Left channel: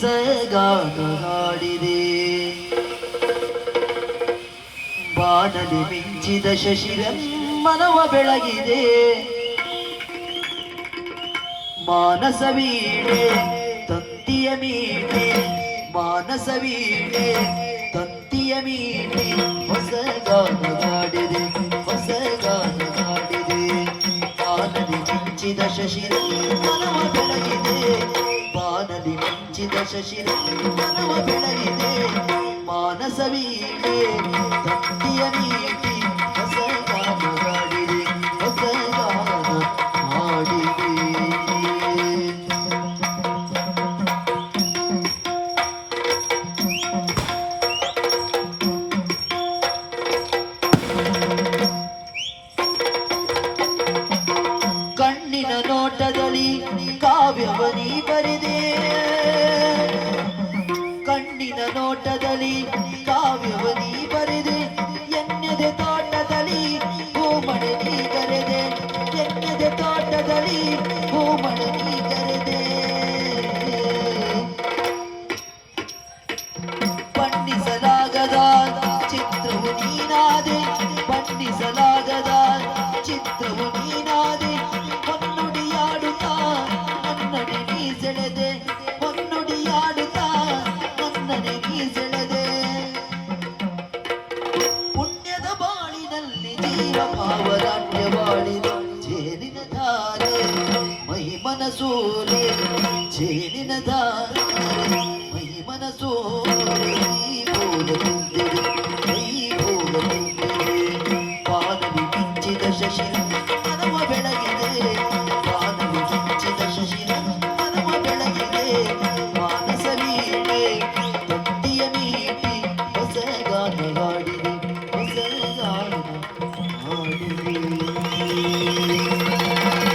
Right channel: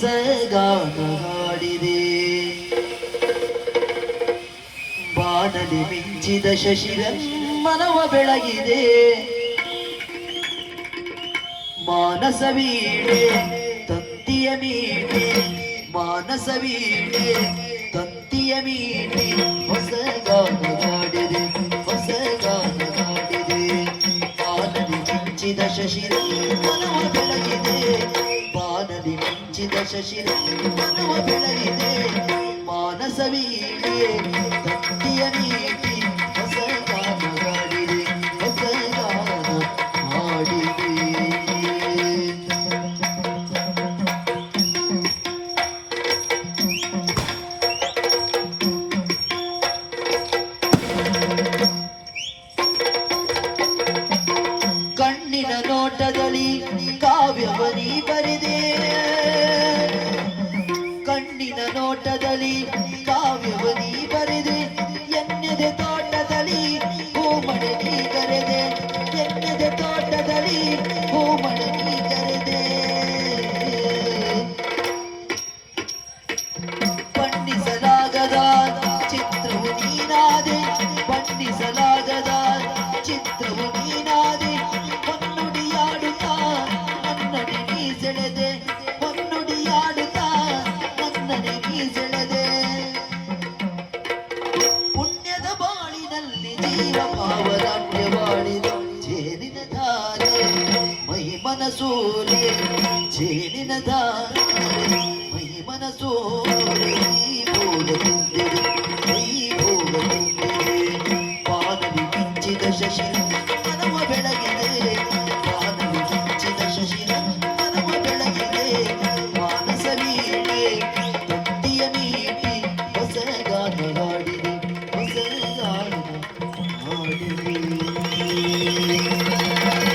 ಹೊಸಗಾನ ಹಾಡಿದೆ. ಬಾನಲಿ ಮಿಂಚಿದ ಶಶಿರಮ್ಮನವ ಬೆಳಗಿದೆ. ಮಾನಸ ವೀಣೆ ತಂತಿಯ ಮೀಣೆ, ಮಾನಸ ವೀಣೆ ತಂತಿಯ ಮೀಣೆ, ಹೊಸಗಾನ ಹಾಡಿದೆ, ಹೊಸಗಾನ ಹಾಡಿದೆ. ಬಾನಲಿ ಮಿಂಚಿದ ಶಶಿರಮ್ಮನವ ಬೆಳಗಿದೆ. ಬಾನಲಿ ಮಿಂಚಿದ ಶಶಿರಮ್ಮನವ ಬೆಳಗಿದೆ. ಮಾನಸ ವೀಣೆ ತಂತಿಯ ಮೀಣೆ, ಹೊಸಗಾನ ಹಾಡಿದೆ, ಹೊಸಗಾನ ಹಾಡಿದೆ. ಕಣ್ಣಿನ ನೋಟದಲ್ಲಿ ಕಾವ್ಯವನಿ ಬರೆದೆ. ಕಣ್ಣಿನ ನೋಟದಲ್ಲಿ ಕಾವ್ಯವನಿ ಬರೆದೆ. ಎನ್ನೆದೆ ತೋಟದಲ್ಲಿ ಹೂಮಳೆ ನೀ ಕರೆದೆ. ಎನ್ನೆದೆ ತೋಟದಲ್ಲಿ ಹೂಮಳೆ ನೀ ಕರೆದೆ. ಬಣ್ಣಿಸಲಾಗದ ಚಿತ್ರವು ನೀನಾದೆ, ಬಣ್ಣಿಸಲಾಗದ ಚಿತ್ರವು ನೀನಾದೆ. ಹೊನ್ನುಡಿಯಾಡುತ್ತಾ ನನ್ನನೆ ನೀ ಸೆಳೆದೆ, ಹೊನ್ನುಡಿಯಾಡುತ್ತಾ ನನ್ನನೆ ನೀ ಸೆಳೆದೆ. ಪುಣ್ಯದ ಬಾಳಿನಲ್ಲಿ ಜೀವ ಭಾವ